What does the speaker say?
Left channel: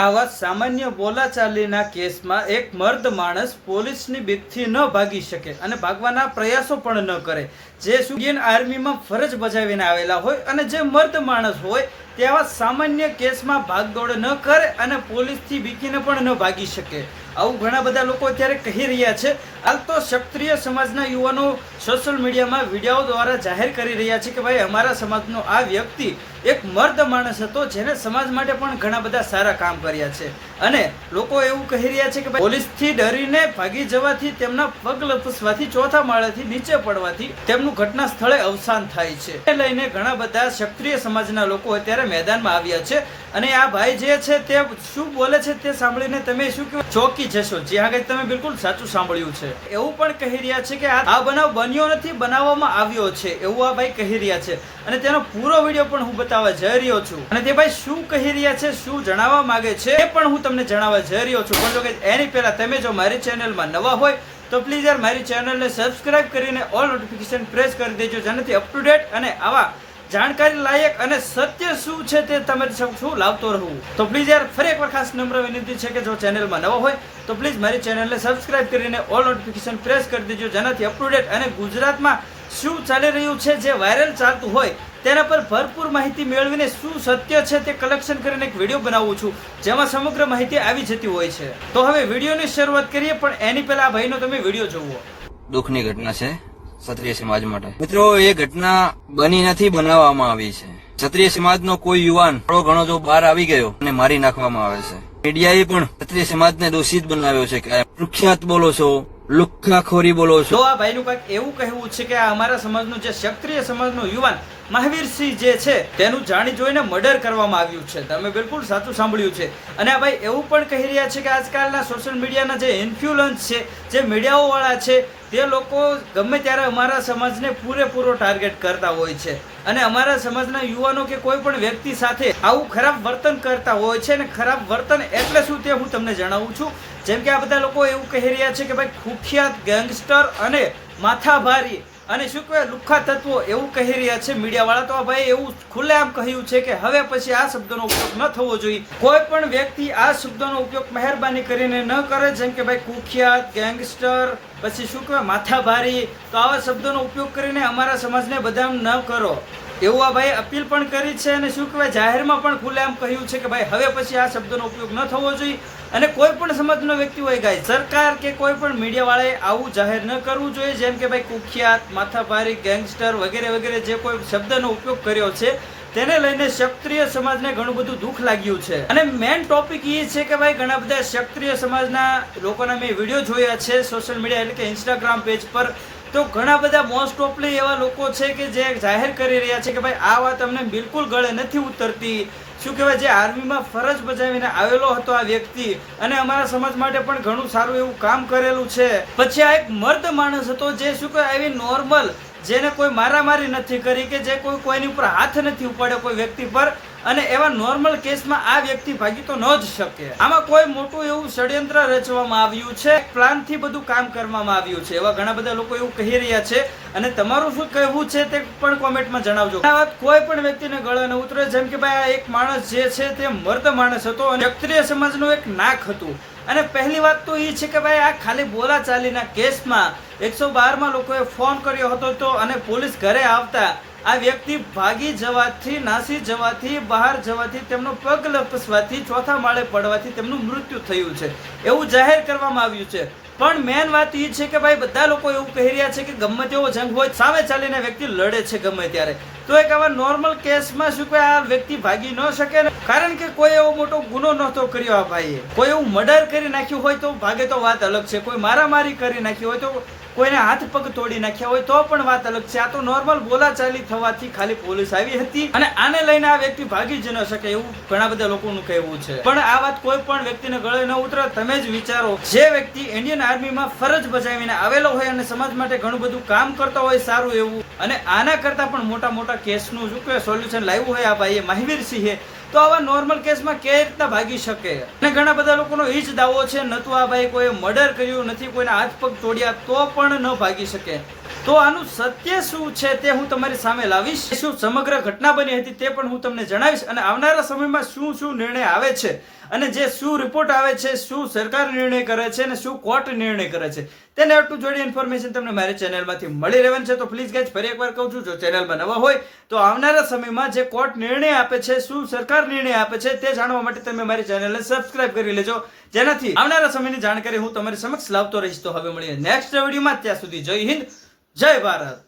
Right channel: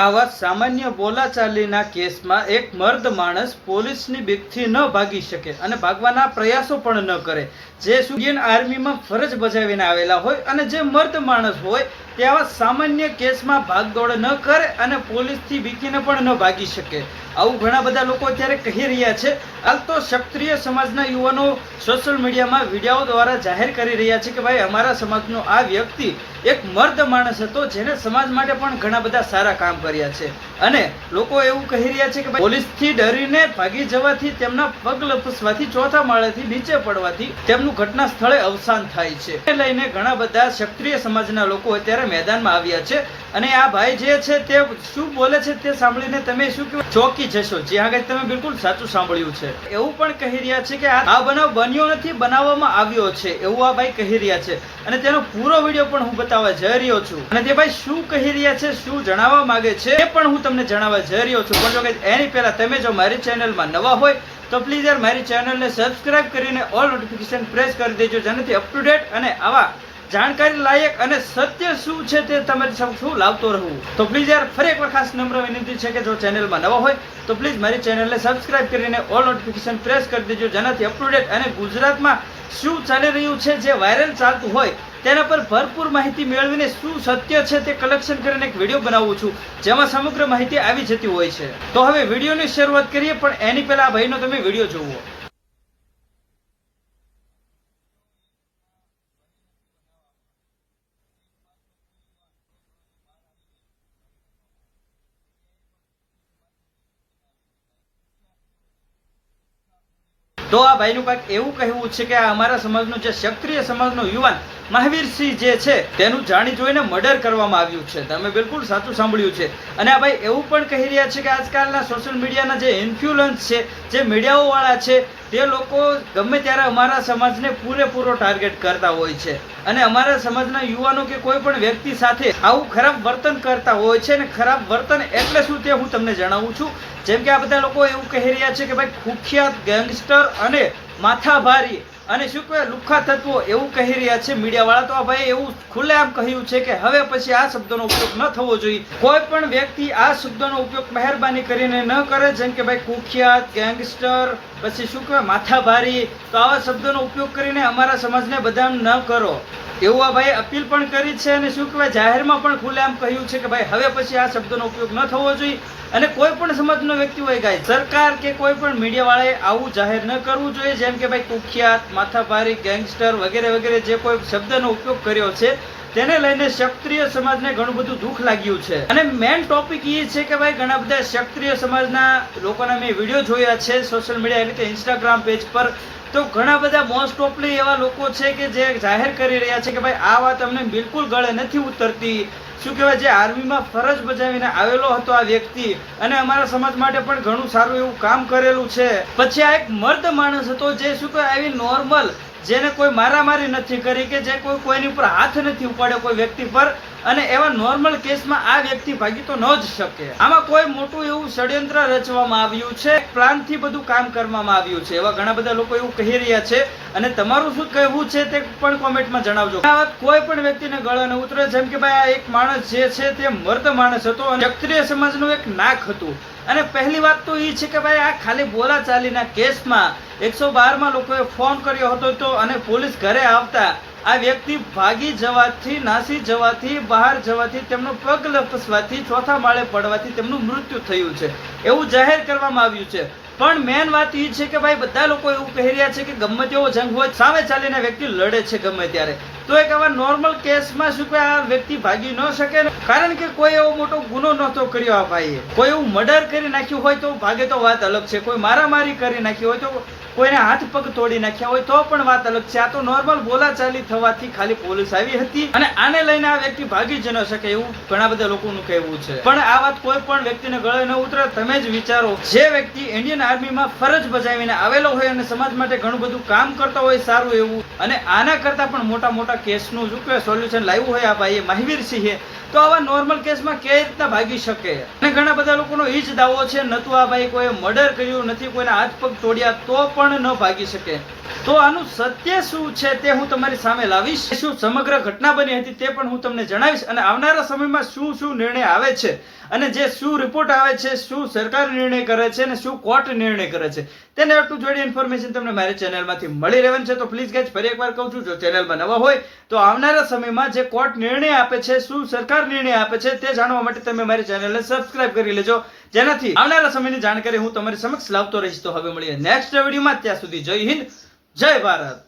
આવા સામાન્ય બોલાચાલીના કેસમાં એક મર્દ માણસ પોલીસની બીકથી ન ભાગી શકે અને ભાગવાના પ્રયાસો પણ ન કરે, જે ઇન્ડિયન આર્મીમાં ફરજ બજાવીને આવેલા હોય અને જે મર્દ માણસ હોય તે આવા સામાન્ય કેસમાં ભાગદોડ ન કરે અને પોલીસથી બીકીને પણ ન ભાગી શકે. આવું ઘણા બધા લોકો અત્યારે કહી રહ્યા છે. હાલ તો ક્ષત્રિય સમાજના યુવાનો સોશિયલ મીડિયામાં વિડીયો દ્વારા જાહેર કરી રહ્યા છે કે ભાઈ અમારા સમાજનો આ વ્યક્તિ એક મર્દ માણસ હતો જેને સમાજ માટે પણ ઘણા બધા સારા કામ કર્યા છે, અને લોકો એવું કહી રહ્યા છે કે પોલીસથી ડરીને ભાગી જવાથી, તેમના પગ લપસવાથી, ચોથા માળેથી નીચે પડવાથી તેમનું ઘટના સ્થળે અવસાન થાય છે. એ લઈને ઘણા બધા ક્ષત્રિય સમાજના લોકો અત્યારે મેદાનમાં આવ્યા છે અને આ ભાઈ જે છે તે શું બોલે છે તે સાંભળીને તમે શું કહો, ચોંકી જશો. જે આગળ તમે બિલકુલ સાચું સાંભળ્યું છે. એવું પણ કહી રહ્યા છે કે આ બનાવ બન્યો નથી, બનાવવામાં આવ્યો છે, એવું આ ભાઈ કહી રહ્યા છે અને તેનો પૂરો વિડીયો પણ હું બતાવવા જઈ રહ્યો છું. અને તે ભાઈ શું કહી રહ્યા છે, શું જણાવવા માંગે છે એ પણ હું તમને જણાવવા જઈ રહ્યો છું. પણ જો કે એની પહેલા તમે જો મારી ચેનલમાં નવા હોય તો પ્લીઝ યાર મારી ચેનલને સબસ્ક્રાઇબ કરીને ઓલ નોટિફિકેશન પ્રેસ કરી દેજો, જેનાથી અપ ટુ ડેટ અને આવા જાણકારી લાયક અને સત્ય શું છે તે તમે શું લાવતો રહું. તો પ્લીઝ યાર ફરી એકવાર ખાસ નમ્ર વિનંતી છે કે જો ચેનલમાં નવા હોય તો પ્લીઝ મારી ચેનલને સબસ્ક્રાઇબ કરીને ઓલ નોટિફિકેશન પ્રેસ કરી દેજો, જેનાથી અપ ટુ ડેટ અને ગુજરાતમાં શું ચાલી રહ્યું છે, જે વાયરલ ચાલતું હોય તેના પર ભરપૂર માહિતી મેળવીને શું સત્ય છે તે કલેક્શન કરીને એક વિડીયો બનાવું છું, જેમાં સમગ્ર માહિતી આવી જતી હોય છે. તો હવે વિડીયોની શરૂઆત કરીએ, પણ એની પહેલા આ ભાઈનો તમે વિડીયો જોવો. દુઃખની ઘટના છે ક્ષત્રિય સમાજ માટે. મિત્રો, એ ઘટના બની નથી, બનાવવામાં આવી છે. ક્ષત્રિય સમાજનો કોઈ યુવાન થોડો ઘણો જો બહાર આવી ગયો અને મારી નાખવામાં આવે છે. મીડિયાએ પણ ક્ષત્રિય સમાજને દોષિત બનાવ્યો છે કે કુખ્યાત બોલો છો, લુખ્ખાખોરી બોલો છો. તો આ ભાઈનું કંઈક એવું કહેવું છે કે આ અમારા સમાજનો જે ક્ષત્રિય સમાજનો યુવાન મહાવીરસિંહ જે છે તેનું જાણી જોઈને મર્ડર કરવામાં આવ્યું છે. તમે બિલકુલ સાચું સાંભળ્યું છે. અને આ ભાઈ એવું પણ કહી રહ્યા છે કે આજકાલના સોશિયલ મીડિયાના જે ઇન્ફ્લુઅન્સ છે, જે મીડિયાઓ વાળા છે, તે લોકો ગમે ત્યારે અમારા સમાજને પૂરેપૂરો ટાર્ગેટ કરતા હોય છે અને અમારા સમાજના યુવાનો કે કોઈ પણ વ્યક્તિ સાથે આવું ખરાબ વર્તન કરતા હોય છે. અને ખરાબ વર્તન એટલે શું તે હું તમને જણાવું છું. જેમ કે આ બધા લોકો એવું કહી રહ્યા છે કે ભાઈ કુખ્યાત, ગેંગસ્ટર અને માથાભારી અને શું કહેવાય લુખ્ખા તત્વો એવું કહી રહ્યા છે મીડિયા વાળા. તો આ ભાઈ એવું ખુલ્લેઆમ કહ્યું છે કે હવે પછી આ શબ્દનો ઉપયોગ ન થવો જોઈએ. કોઈ પણ વ્યક્તિ આ શબ્દનો ઉપયોગ મહેરબાની કરીને ન કરે, જેમ કે ભાઈ કુખ્યાત, ગેંગસ્ટર, પછી શું કહેવાય માથાભારી, તો આવા શબ્દોનો ઉપયોગ કરીને અમારા સમાજને બદનામ ન કરો એવું આ ભાઈ અપીલ પણ કરી છે. અને શું કહેવાય જાહેરમાં પણ ખુલ્લેઆમ કહ્યું છે કે ભાઈ હવે પછી આ શબ્દનો ઉપયોગ ન થવો જોઈએ. અને કોઈ પણ સમાજનો વ્યક્તિ હોય ગાય, સરકાર કે કોઈ પણ મીડિયા વાળાએ આવું જાહેર ન કરવું જોઈએ. જેમ કે ભાઈ કુખ્યાત, માથાભારી, ગેંગસ્ટર વગેરે વગેરે જે કોઈ શબ્દનો ઉપયોગ કર્યો છે તેને લઈને ક્ષત્રિય સમાજને ઘણું બધું દુઃખ લાગ્યું છે. અને મેઇન ટોપિક એ છે કે ભાઈ ઘણા બધા ક્ષત્રિય સમાજના લોકોના મેં વિડીયો જોયા છે સોશિયલ મીડિયા એટલે કે ઇન્સ્ટાગ્રામ પેજ પર. તો ઘણા બધા મોસ્ટ ઓફલી એવા લોકો છે કે જે જાહેર કરી રહ્યા છે કે ભાઈ આ વાત અમને બિલકુલ ગળે નથી ઉતરતી. શું કહેવાય, જે આર્મીમાં ફરજ બજાવીને આવેલો હતો આ વ્યક્તિ અને અમારા સમાજ માટે પણ ઘણું સારું એવું કામ કરેલું છે. પછી આ એક મર્દ માણસ હતો જે શું કહેવાય આવી નોર્મલ, જેને કોઈ મારામારી નથી કરી, કે જે કોઈની ઉપર હાથ નથી ઉપાડ્યો કોઈ વ્યક્તિ પર, અને એવા નોર્મલ કેસમાં આ વ્યક્તિ ભાગી તો ન જ શકે. આમાં કોઈ મોટું એવું ષડયંત્ર રચવામાં આવ્યું છે, પ્લાનથી બધું કામ કરવામાં આવ્યું છે, એવા ઘણા બધા લોકો એવું કહી રહ્યા છે. અને તમારું શું કહેવું છે તે પણ કોમેન્ટમાં જણાવજો. આ વાત કોઈ પણ વ્યક્તિને ગળે ન ઉતરે. જેમ કે ભાઈ આ એક માણસ જે છે તે મર્દ માણસ હતો અને ક્ષત્રિય સમાજનું એક નાક હતું. અને પહેલી વાત તો એ છે કે ભાઈ આ ખાલી બોલાચાલીના કેસમાં 112માં લોકોએ ફોન કર્યો હતો તો અને પોલીસ ઘરે આવતા આ વ્યક્તિ ભાગી જવાથી, નાસી જવાથી, બહાર જવાથી, તેમનો પગ લપસવાથી, ચોથા માળે પડવાથી તેમનું મૃત્યુ થયું છે એવું જાહેર કરવામાં આવ્યું છે. પણ મેન વાત એ છે કે ભાઈ બધા લોકો એવું કહી રહ્યા છે કે ગમે તેવો જંગ હોય સામે ચાલીને વ્યક્તિ લડે છે ગમે ત્યારે. તો એક આવા નોર્મલ કેસમાં શું કોઈ આ વ્યક્તિ ભાગી ન શકે, કારણ કે કોઈ એવો મોટો ગુનો નહોતો કર્યો આ ભાઈએ. કોઈ એવું મર્ડર કરી નાખ્યું હોય તો ભાગે તો વાત અલગ છે, કોઈ મારામારી કરી નાખી હોય તો, કોઈને હાથ પગ તોડી નાખ્યા હોય તો પણ વાત અલગ છે. આ તો નોર્મલ બોલાચાલી થવાથી ખાલી પોલીસ આવી હતી અને આને લઈને આ વ્યક્તિ ભાગી જ ન શકે એવું ઘણા બધા લોકોનું કહેવું છે. પણ આ વાત કોઈ પણ વ્યક્તિને ગળે ન ઉતરે. તમે જ વિચારો, જે વ્યક્તિ ઇન્ડિયન આર્મીમાં ફરજ બજાવીને આવેલો હોય અને સમાજ માટે ઘણું બધું કામ કરતો હોય સારું એવું, અને આના કરતા પણ મોટા મોટા કેસનું શું કે સોલ્યુશન લાવ્યું હોય આ ભાઈએ મહાવીરસિંહે, તો આવા નોર્મલ કેસમાં કેવી રીતના ભાગી શકે. અને ઘણા બધા લોકોનો એ જ દાવો છે, નતું આ ભાઈ કોઈ મર્ડર કર્યું નથી, કોઈના હાથ પગ તોડ્યા તો પણ ન ભાગી શકે. તો આનું સત્ય શું છે તે હું તમારી સામે લાવીશ. શું સમગ્ર ઘટના બની હતી તે પણ હું તમને જણાવીશ અને આવનારા સમયમાં શું શું નિર્ણય આવે છે અને જે શું રિપોર્ટ આવે છે, શું સરકાર નિર્ણય કરે છે અને શું કોર્ટ નિર્ણય કરે છે તેને ટુ જોડી ઇન્ફોર્મેશન તમને મારી ચેનલમાંથી મળી રહેવાની છે. તો પ્લીઝ ગાઈઝ ફરી એકવાર કહું છું, જો ચેનલમાં નવા હોય તો આવનારા સમયમાં જે કોર્ટ નિર્ણય આપે છે, શું સરકાર નિર્ણય આપે છે તે જાણવા માટે તમે મારી ચેનલને સબસ્ક્રાઇબ કરી લેજો, જેનાથી આવનારા સમયની જાણકારી હું તમારી સમક્ષ લાવતો રહીશ. તો હવે મળીએ નેક્સ્ટ વિડીયોમાં. ત્યાં સુધી જય હિન્દ, જય ભારત.